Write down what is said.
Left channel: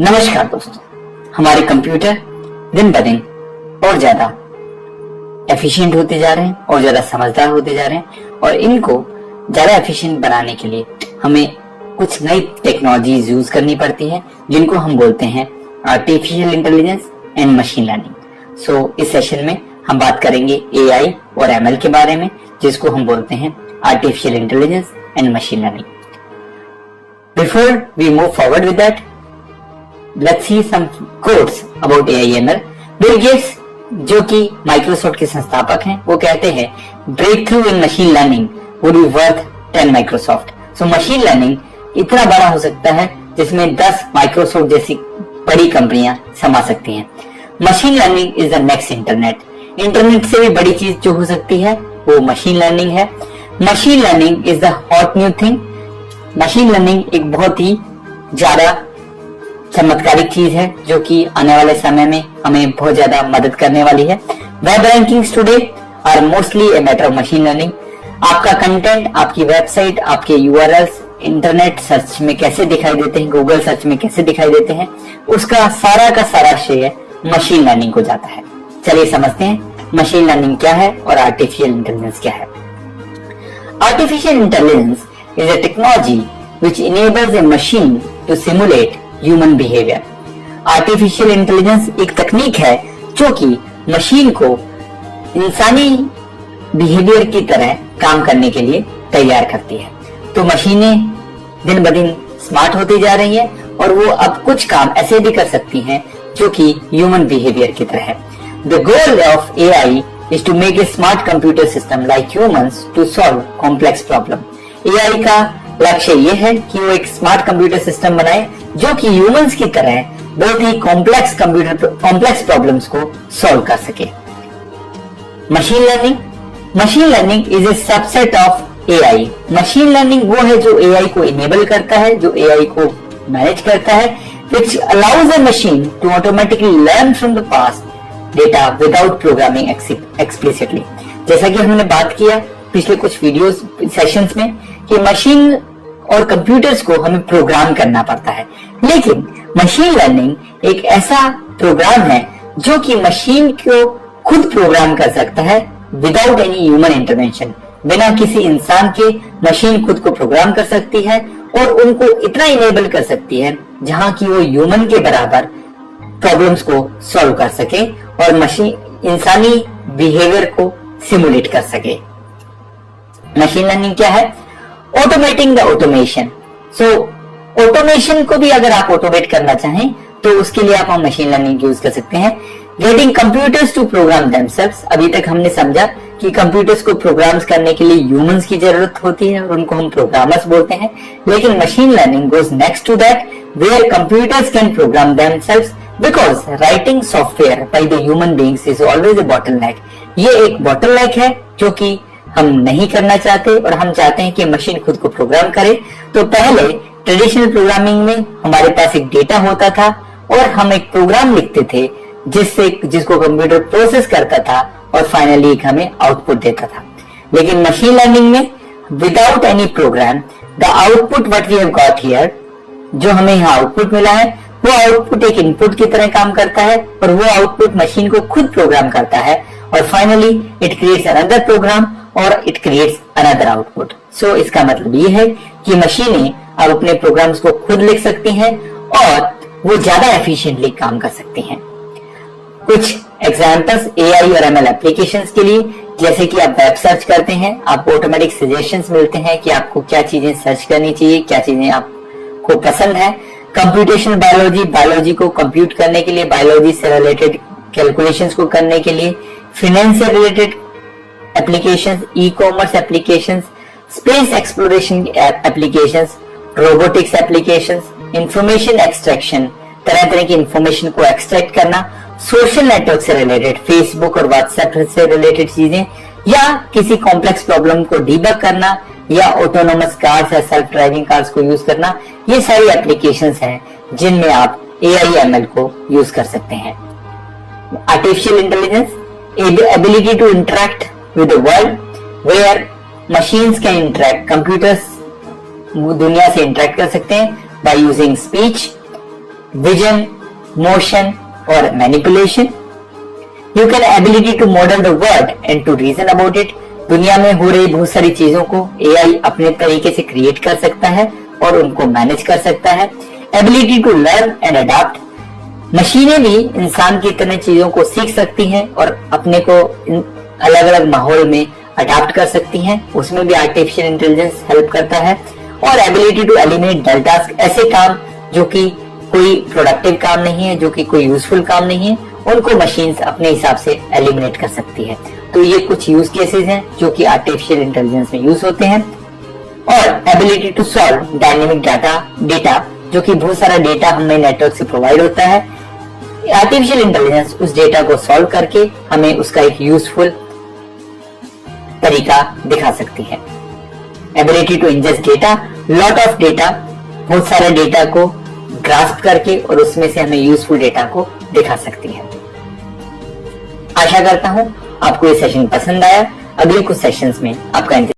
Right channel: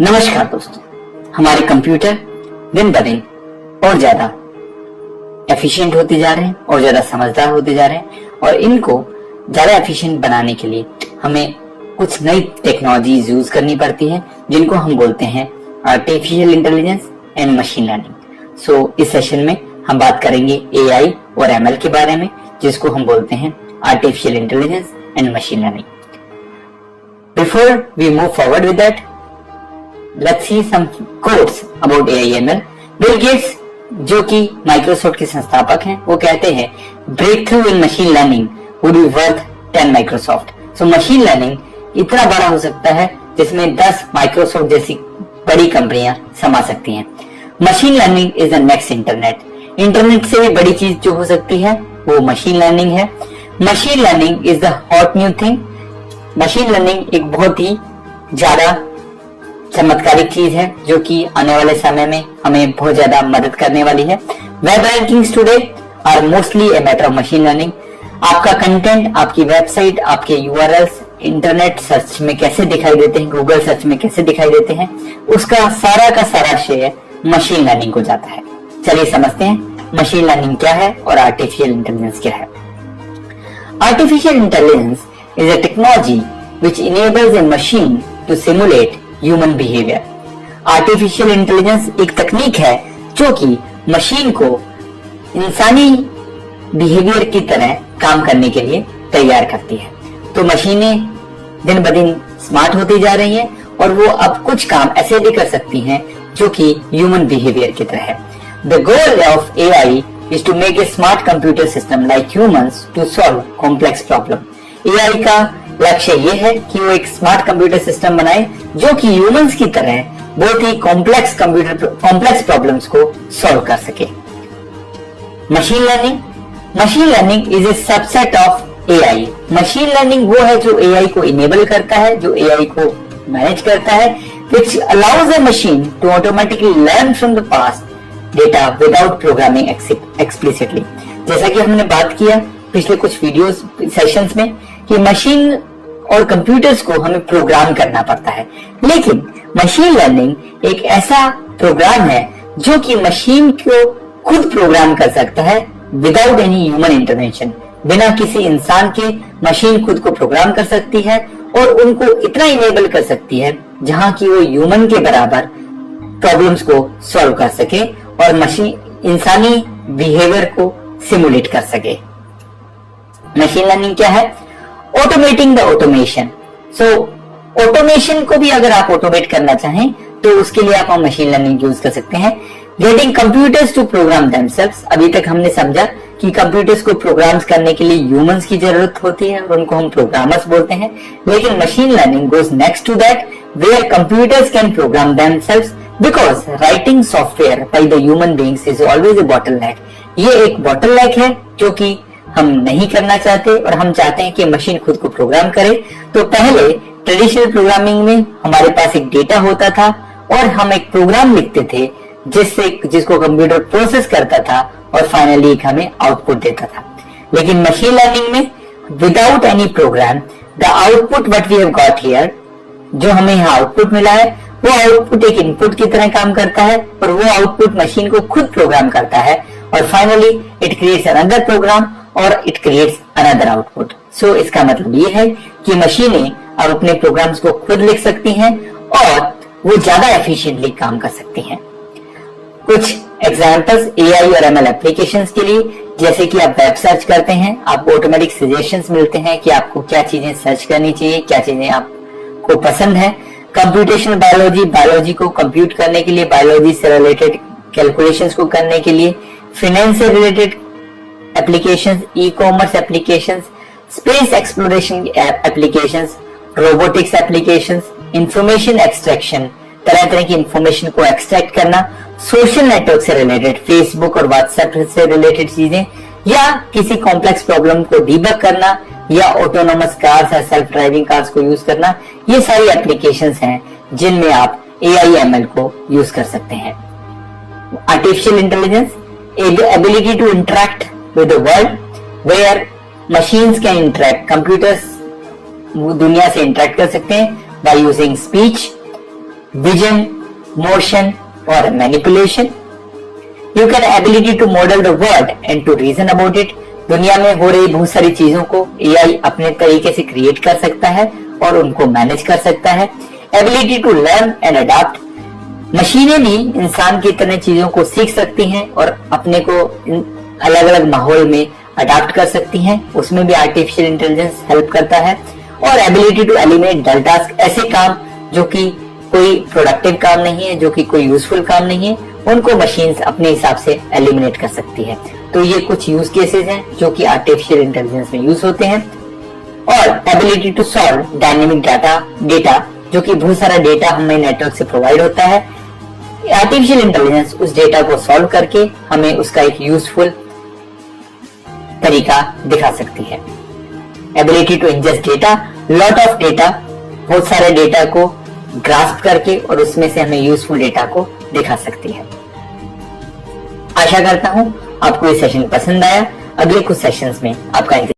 नमस्कार दोस्तों, हमारे कंप्यूटर दिन ब दिन और ज्यादा एफिशिएंट होते जा रहे हैं और ज्यादा समझदार होते जा रहे हैं और इनको ज्यादा एफिशिएंट बनाने के लिए हमें कुछ नई टेक्नोलॉजीज यूज करनी पड़ती है जिनको हम बोलते हैं artificial intelligence and machine learning. So इस सेशन में हम बात करेंगे एआई और एमएल के बारे में, जिसको हम बोलते हैं artificial intelligence and machine learning. Before we move forward with that, let's see some quotes about AI/ML. Bill Gates, जो कि माइक्रोसॉफ्ट के संस्थापक हैं, वो कहते हैं breakthrough in machine learning would be worth 10 Microsoft. So machine learning इतना बड़ा हो सकता है जिसमें 10 माइक्रोसॉफ्ट जैसी बड़ी कंपनियां समा सकती हैं। Machine learning is the next internet. Internet से भी बड़ी चीज जो हो सकती है वो मशीन लर्निंग है। Machine learning is the hot new thing. Machine learning एक बहुत ही ज्यादा चमत्कारिक चीज है जो कि आने वाले समय में हमें बहुत ज्यादा मदद करने वाली है। Web rankings today are mostly a matter of machine learning. आपका कंटेंट, आपकी वेबसाइट, आपके यूआरएल्स इंटरनेट सर्च में कैसे दिखाई देते हैं, गूगल सर्च में कैसे दिखाई देते हैं, उसका सारा का सारा श्रेय मशीन लर्निंग को जाता है। चलिए समझते हैं मशीन लर्निंग क्या है और आर्टिफिशियल इंटेलिजेंस क्या है। Artificial intelligence is a technology which enables a machine to simulate human behaviour. Artificial intelligence एक तकनीक है जो कि मशीन को इंसानी बिहेवियर की तरह काम करने के लिए तैयार करती है। तो मशीनें दिन ब दिन स्मार्ट होती जा रही हैं और वो अब कुछ काम ऐसे भी कर सकती हैं जो कि ह्यूमन बिहेवियर की तरह है। The goal of AI is to make a smart computer system like humans to solve complex problem. AI का लक्ष्य ये है कि वो एक स्मार्ट कंप्यूटर सिस्टम बनाए जो कि ह्यूमंस की तरह बहुत ही कॉम्प्लेक्स प्रॉब्लम्स को सॉल्व कर सके। Machine learning is a subset of AI. Machine learning वो है जो एआई को इनेबल करता है, जो एआई को मैनेज करता है, which allows a machine to automatically learn from the past data without programming explicitly। जैसा कि हमने बात किया पिछले कुछ वीडियोस सेशंस में कि मशीन और कंप्यूटर्स को हमें प्रोग्राम करना पड़ता है, लेकिन मशीन लर्निंग एक ऐसा प्रोग्राम है जो कि मशीन को खुद प्रोग्राम कर सकता है विदाउट एनी ह्यूमन इंटरवेंशन। बिना किसी इंसान के मशीन खुद को प्रोग्राम कर सकती है और उनको इतना इनेबल कर सकती है जहां की वो ह्यूमन के बराबर प्रॉब्लम्स को सॉल्व कर सके और मशीन इंसानी बिहेवियर को सिमुलेट कर सके। मशीन लर्निंग क्या है? Automating the automation. So automation को भी अगर आप ऑटोमेट करना चाहें तो उसके लिए आप मशीन लर्निंग यूज कर सकते हैं। Getting computers to program themselves. अभी तक हमने समझा कि कंप्यूटर्स को प्रोग्राम्स करने के लिए ह्यूमंस की जरूरत होती है और उनको हम प्रोग्रामर्स बोलते हैं, लेकिन machine learning goes next to that where computers can program themselves because writing software by the human beings is always a bottleneck. ये एक बॉटलनेक है जो कि हम नहीं करना चाहते और हम चाहते हैं कि मशीन खुद को प्रोग्राम करे। तो पहले ट्रेडिशनल प्रोग्रामिंग में हमारे पास एक डेटा होता था और हम एक प्रोग्राम लिखते थे जिसको कंप्यूटर प्रोसेस करता था और फाइनली हमें आउटपुट देता था। लेकिन मशीन लर्निंग में without any program the output what we have got here, जो हमें यहाँ आउटपुट मिला है, वो आउटपुट एक इनपुट की तरह काम करता है और वो आउटपुट मशीन को खुद प्रोग्राम करता है और finally it creates another program और it creates another output. So इसका मतलब ये है कि मशीनें अब अपने प्रोग्राम्स को खुद लिख सकती हैं और वो ज्यादा एफिशिएंटली काम कर सकती हैं। कुछ एग्जांपल्स एआई और एमएल एप्लीकेशंस के लिए, जैसे कि आप वेब सर्च करते हैं, आपको ऑटोमेटिक सजेशंस मिलते हैं कि आपको क्या चीजें सर्च करनी चाहिए, क्या चीजें आपको पसंद है। कंप्यूटेशनल बायोलॉजी को कंप्यूट करने के लिए, बायोलॉजी से रिलेटेड कैलकुलेशंस को करने के लिए, फाइनेंस से related applications, e commerce applications, space exploration applications, robotics applications, information extraction, तरह तरह की इंफॉर्मेशन को एक्सट्रैक्ट करना, सोशल नेटवर्क से रिलेटेड, फेसबुक और व्हाट्सएप से रिलेटेड चीजें, या किसी कॉम्प्लेक्स प्रॉब्लम को डीबग करना, या ऑटोनोमस कार्स या सेल्फ ड्राइविंग कार्स को यूज करना। ये सारी एप्लीकेशंस हैं जिनमें आप एआई एमएल को यूज कर सकते हैं। Artificial intelligence, ability to interact with the world where machines can interact। Computers दुनिया से इंटरेक्ट कर सकते हैं by using speech, vision, motion और manipulation. You can ability to model the world and to reason about it. दुनिया में हो रही बहुत सारी चीजों को एआई अपने तरीके से क्रिएट कर सकता है और उनको मैनेज कर सकता है। Ability to learn and adopt. मशीनें भी इंसान की तरह चीजों को सीख सकती हैं और अपने को अलग अलग माहौल में अडॉप्ट कर सकती हैं, उसमें भी आर्टिफिशियल इंटेलिजेंस हेल्प करता है। और ability to eliminate dull task, ऐसे काम जो कि कोई प्रोडक्टिव काम नहीं है, जो कि कोई यूजफुल काम नहीं है, उनको मशीन्स अपने हिसाब से एलिमिनेट कर सकती है। तो ये कुछ यूज केसेस हैं जो कि आर्टिफिशियल इंटेलिजेंस में यूज होते हैं। और ability to solve dynamic data, जो कि बहुत सारा डेटा हमें नेटवर्क से प्रोवाइड होता है। आर्टिफिशियल इंटेलिजेंस उस डेटा को सॉल्व करके हमें उसका एक यूजफुल तरीका दिखा सकती है। Ability to ingest data, lot of data, बहुत सारे डेटा को ग्रास्प करके और उसमें से हमें यूजफुल डेटा को दिखा सकती है। आशा करता हूं आपको ये सेशन पसंद आया। अगले कुछ सेशंस में आपका